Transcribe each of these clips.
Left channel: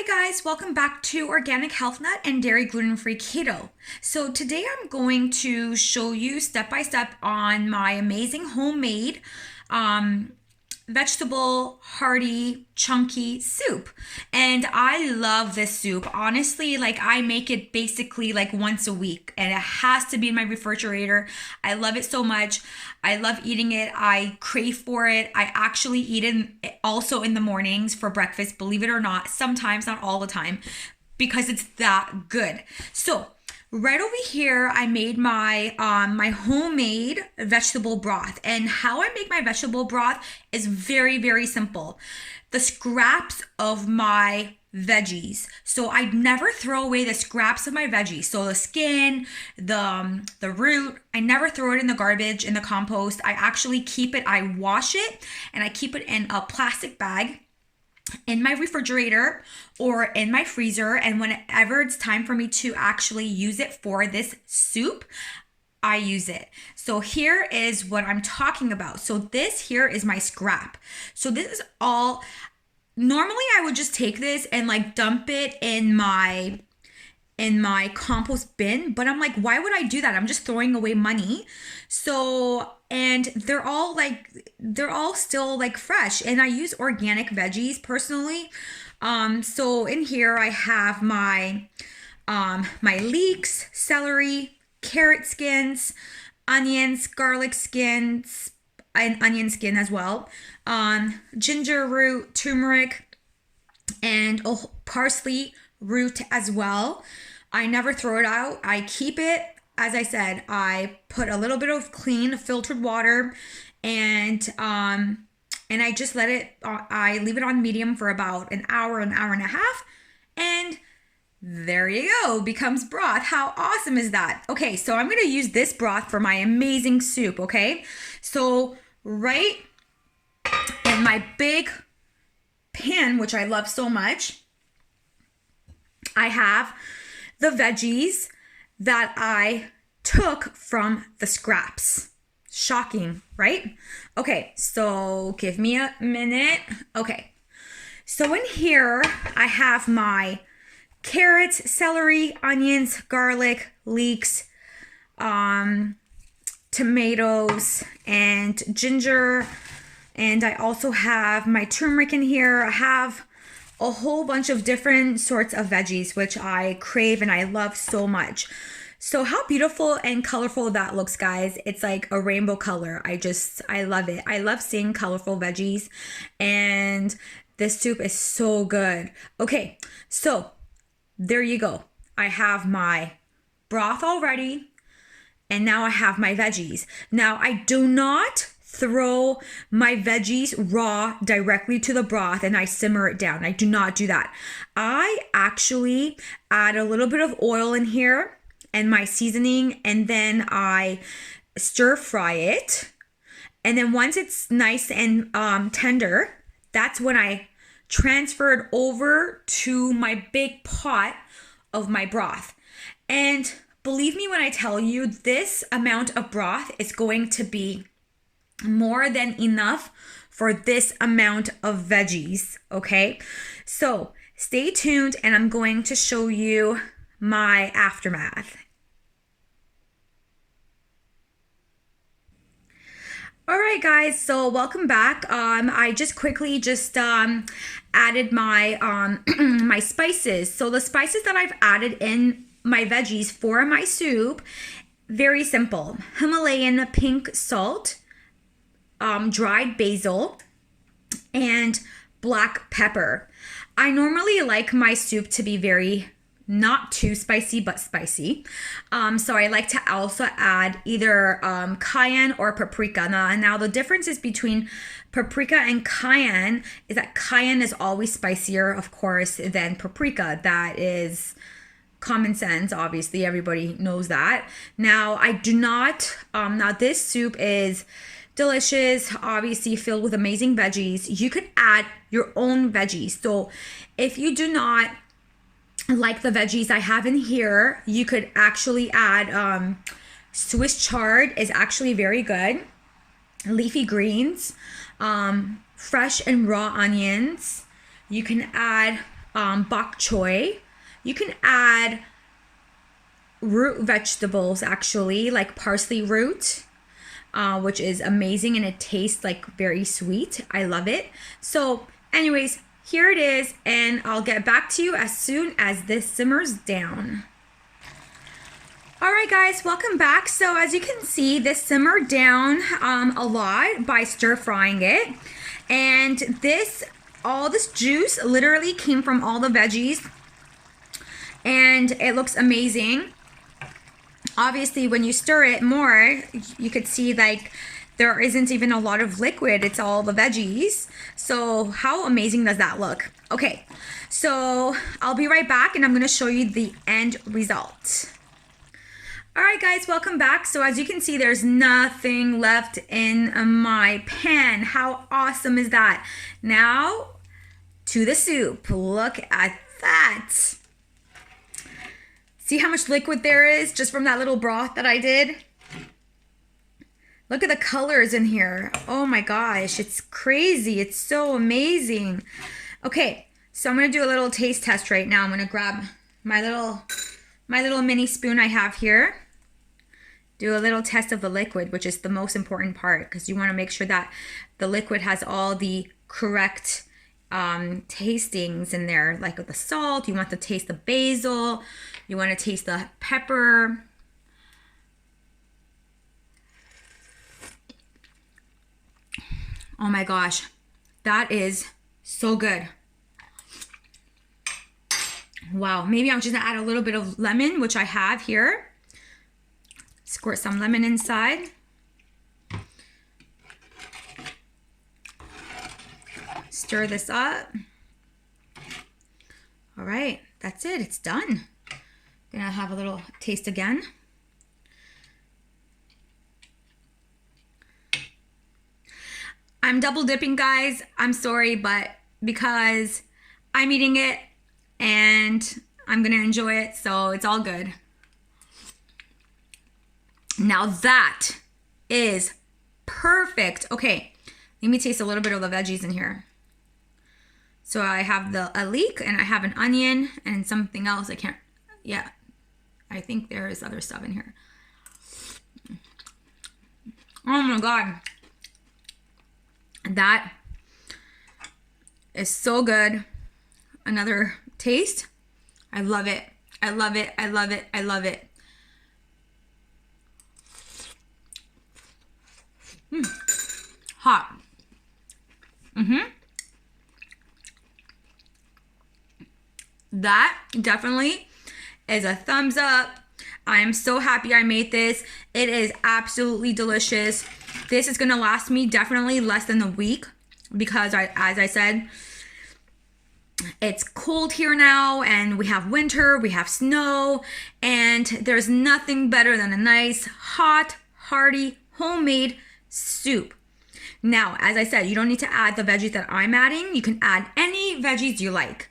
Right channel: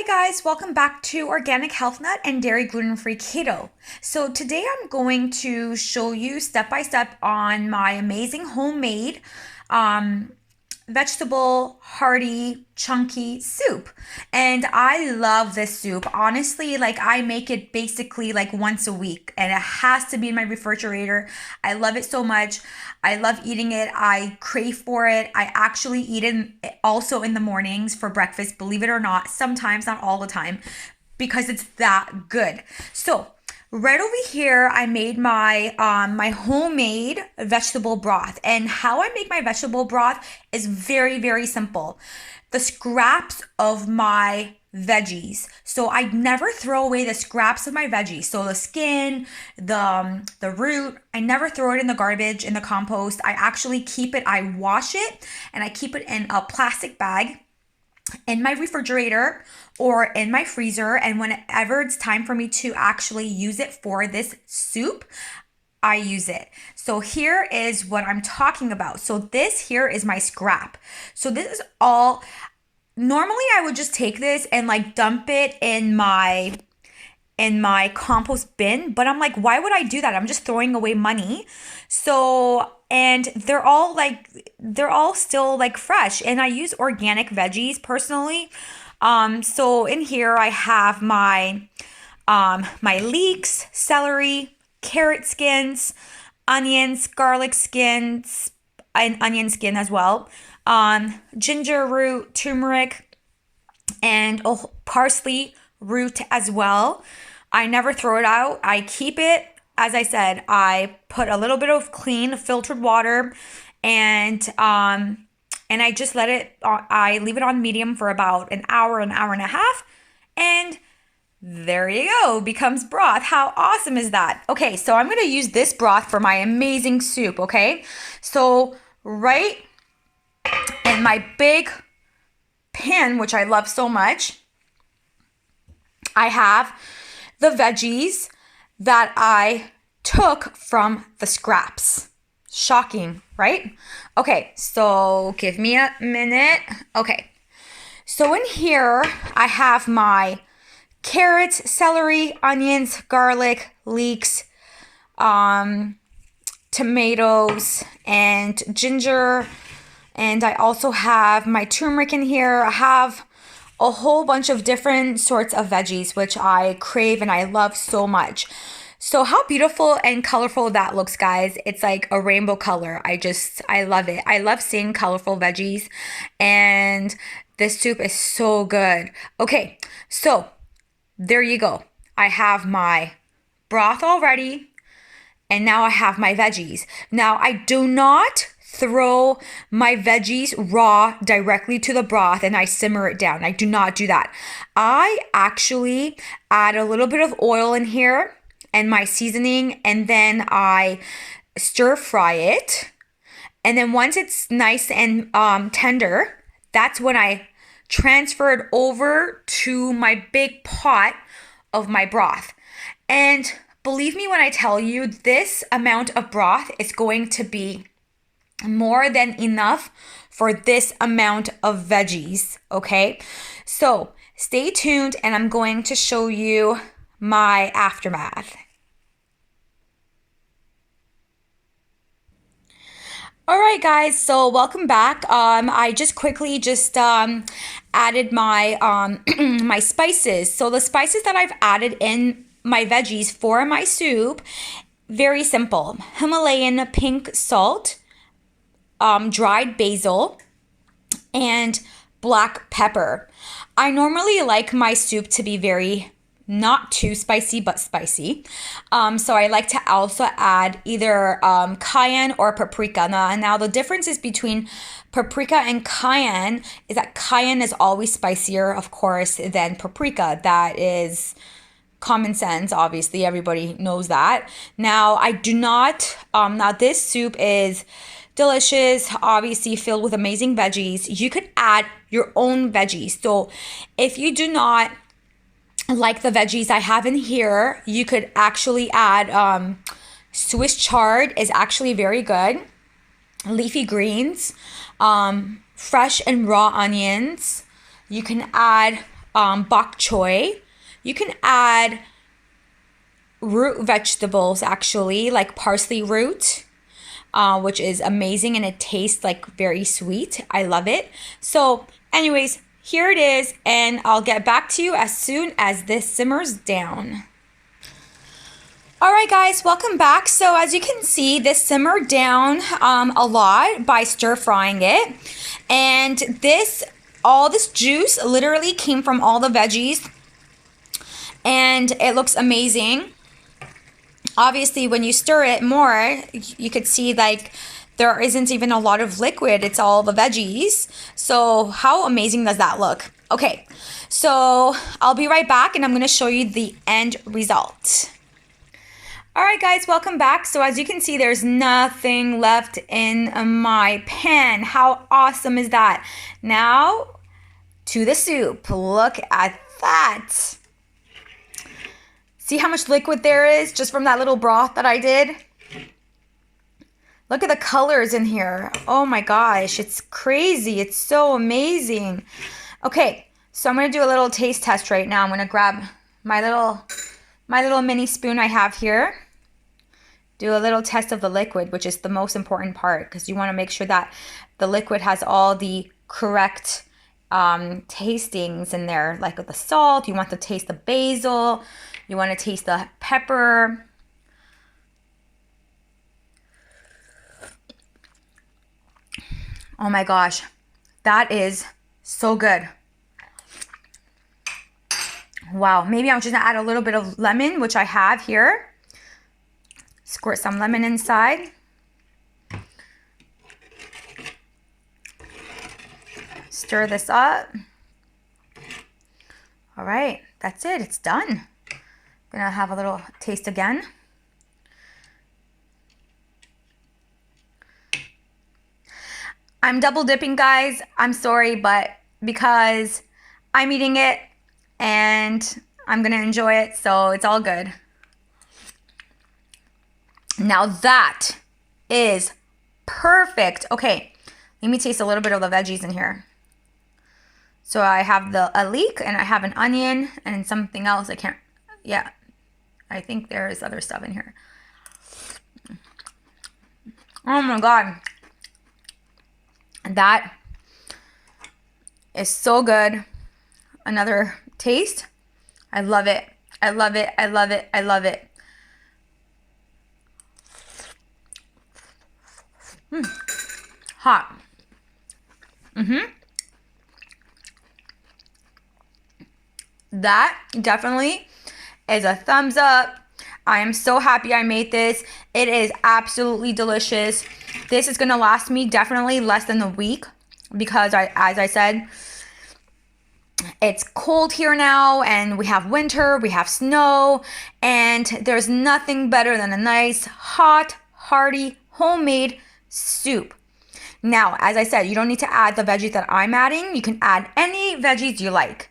Hi guys, welcome back to Organic Health Nut and Dairy Gluten-Free Keto. So today I'm going to show you step by step on my amazing homemade vegetable, hearty, chunky soup. And I love this soup. Honestly, I make it basically once a week and it has to be in my refrigerator. I love it so much. I love eating it. I crave for it. I actually eat it also in the mornings for breakfast, believe it or not. Sometimes, not all the time, because it's that good. So right over here, I made my my homemade vegetable broth. And how I make my vegetable broth is very, very simple. The scraps of my veggies. So I never throw away the scraps of my veggies. So the skin, the root, I never throw it in the garbage, in the compost. I actually keep it, I wash it, and I keep it in a plastic bag in my refrigerator or in my freezer, and whenever it's time for me to actually use it for this soup, I use it. So here is what I'm talking about. So this here is my scrap. So this is all, normally I would just take this and dump it in my compost bin, but I'm like, why would I do that? I'm just throwing away money. So, and they're all still fresh, and I use organic veggies personally. So in here I have my my leeks, celery, carrot skins, onions, garlic skins, and onion skin as well, ginger root, turmeric, and parsley root as well. I never throw it out. I keep it. As I said, I put a little bit of clean filtered water, and I just let it, I leave it on medium for about an hour and a half, and there you go, becomes broth. How awesome is that? Okay, so I'm going to use this broth for my amazing soup, okay? So right in my big pan, which I love so much, I have the veggies that I took from the scraps. Shocking, right? Okay, so give me a minute. Okay, so in here I have my carrots, celery, onions, garlic, leeks, tomatoes, and ginger. And I also have my turmeric in here. I have a whole bunch of different sorts of veggies, which I crave and I love so much. So how beautiful and colorful that looks, guys. It's like a rainbow color. I love it. I love seeing colorful veggies, and this soup is so good. Okay, so there you go. I have my broth already, and now I have my veggies. Now I do not throw my veggies raw directly to the broth and I simmer it down. I do not do that. I actually add a little bit of oil in here and my seasoning, and then I stir fry it. And then once it's nice and tender, that's when I transfer it over to my big pot of my broth. And believe me when I tell you, this amount of broth is going to be more than enough for this amount of veggies, okay? So stay tuned, and I'm going to show you my aftermath. All right, guys, so welcome back. I just quickly added my my spices. So the spices that I've added in my veggies for my soup, very simple. Himalayan pink salt, dried basil, and black pepper. I normally like my soup to be very not too spicy, but spicy. So I like to also add either cayenne or paprika. Now the differences between paprika and cayenne is that cayenne is always spicier, of course, than paprika. That is common sense. Obviously, everybody knows that. Now I do not, now this soup is delicious, obviously filled with amazing veggies. You could add your own veggies. So if you do not like the veggies I have in here, you could actually add Swiss chard is actually very good. Leafy greens, fresh and raw onions. You can add bok choy. You can add root vegetables, actually, like parsley root, which is amazing, and it tastes like very sweet. I love it. So anyways, here it is, and I'll get back to you as soon as this simmers down. All right, guys, welcome back. So as you can see, this simmered down a lot by stir frying it. And all this juice literally came from all the veggies, and it looks amazing. Obviously, when you stir it more, you could see like there isn't even a lot of liquid. It's all the veggies. So how amazing does that look? Okay, so I'll be right back, and I'm gonna show you the end result. All right, guys, welcome back. So as you can see, there's nothing left in my pan. How awesome is that? Now to the soup. Look at that. See how much liquid there is just from that little broth that I did? Look at the colors in here. Oh my gosh, it's crazy. It's so amazing. Okay, so I'm gonna do a little taste test right now. I'm gonna grab my little mini spoon I have here. Do a little test of the liquid, which is the most important part, because you want to make sure that the liquid has all the correct tastings in there, like with the salt. You want to taste the basil. You want to taste the pepper. Oh my gosh, that is so good. Wow, maybe I'm just gonna add a little bit of lemon, which I have here. Squirt some lemon inside. Stir this up. All right, that's it, it's done. Gonna have a little taste again. I'm double dipping, guys. I'm sorry, but because I'm eating it and I'm gonna enjoy it, so it's all good. Now that is perfect. Okay, let me taste a little bit of the veggies in here. So I have a leek, and I have an onion, and something else. Yeah, I think there is other stuff in here. Oh my God. That is so good. Another taste. I love it. I love it. I love it. I love it. Hot. That definitely is a thumbs up. I am so happy I made this. It is absolutely delicious. This is gonna last me definitely less than a week, because as I said, it's cold here now, and we have winter, we have snow, and there's nothing better than a nice, hot, hearty, homemade soup. Now, as I said, you don't need to add the veggies that I'm adding. You can add any veggies you like.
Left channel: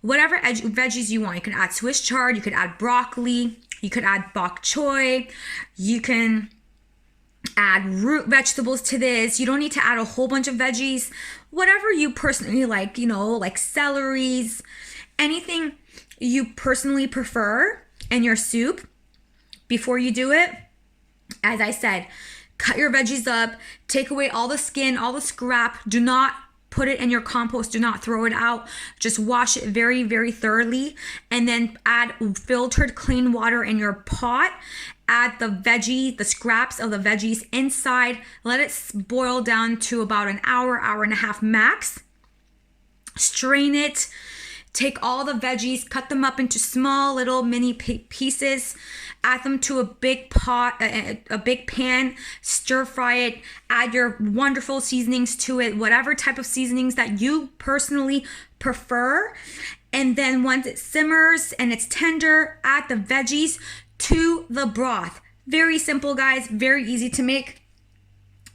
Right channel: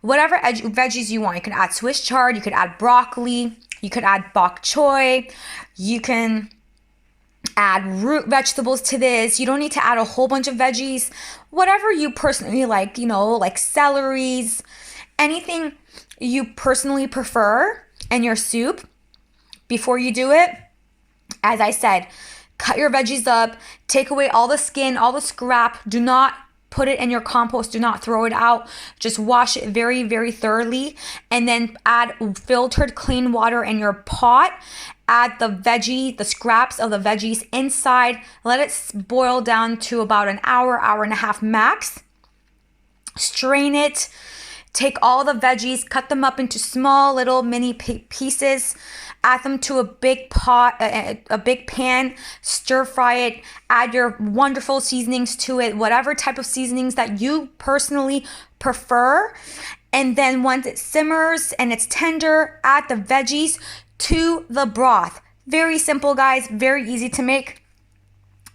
Whatever veggies you want. You can add Swiss chard, you could add broccoli, you could add bok choy, you can add root vegetables to this. You don't need to add a whole bunch of veggies. Whatever you personally like, like celeries, anything you personally prefer in your soup. Before you do it, as I said, cut your veggies up, take away all the skin, all the scrap. Do not put it in your compost. Do not throw it out. Just wash it very, very thoroughly, and then add filtered clean water in your pot. Add the scraps of the veggies inside. Let it boil down to about an hour, hour and a half max. Strain it. Take all the veggies, cut them up into small little mini pieces. Add them to a big pot, a big pan, stir fry it, add your wonderful seasonings to it, whatever type of seasonings that you personally prefer. And then once it simmers and it's tender, add the veggies to the broth. Very simple, guys, very easy to make.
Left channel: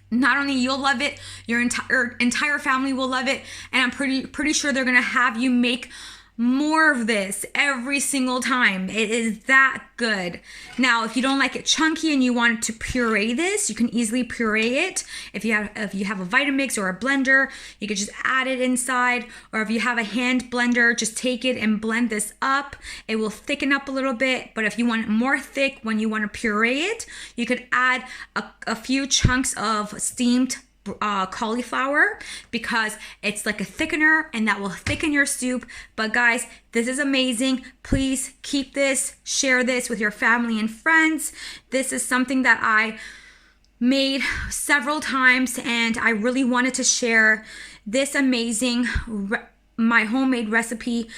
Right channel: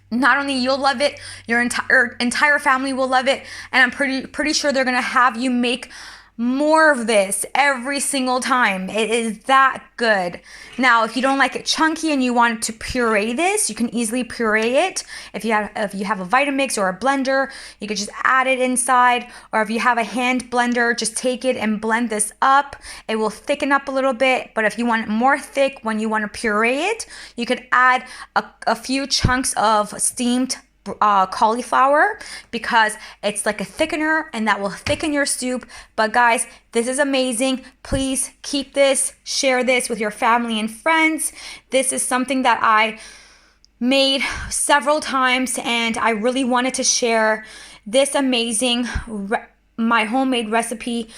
Not only you'll love it, your entire family will love it, and I'm pretty sure they're gonna have you make more of this every single time. It is that good. Now, if you don't like it chunky and you want to puree this, you can easily puree it. If you have a Vitamix or a blender, you could just add it inside. Or if you have a hand blender, just take it and blend this up. It will thicken up a little bit. But if you want it more thick when you want to puree it, you could add a few chunks of steamed cauliflower, because it's like a thickener and that will thicken your soup. But guys, this is amazing. Please keep this, share this with your family and friends. This is something that I made several times, and I really wanted to share this amazing my homemade recipe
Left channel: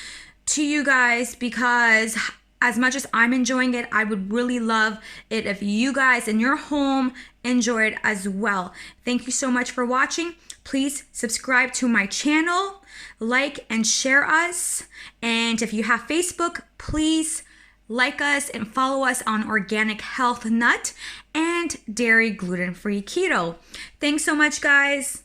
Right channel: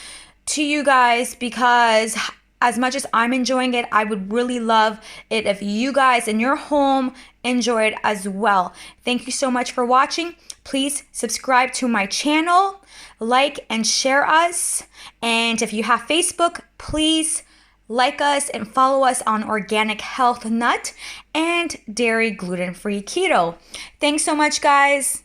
to you guys, because as much as I'm enjoying it, I would really love it if you guys in your home enjoy it as well. Thank you so much for watching. Please subscribe to my channel, like and share us. And if you have Facebook, please like us and follow us on Organic Health Nut and Dairy Gluten-Free Keto. Thanks so much, guys.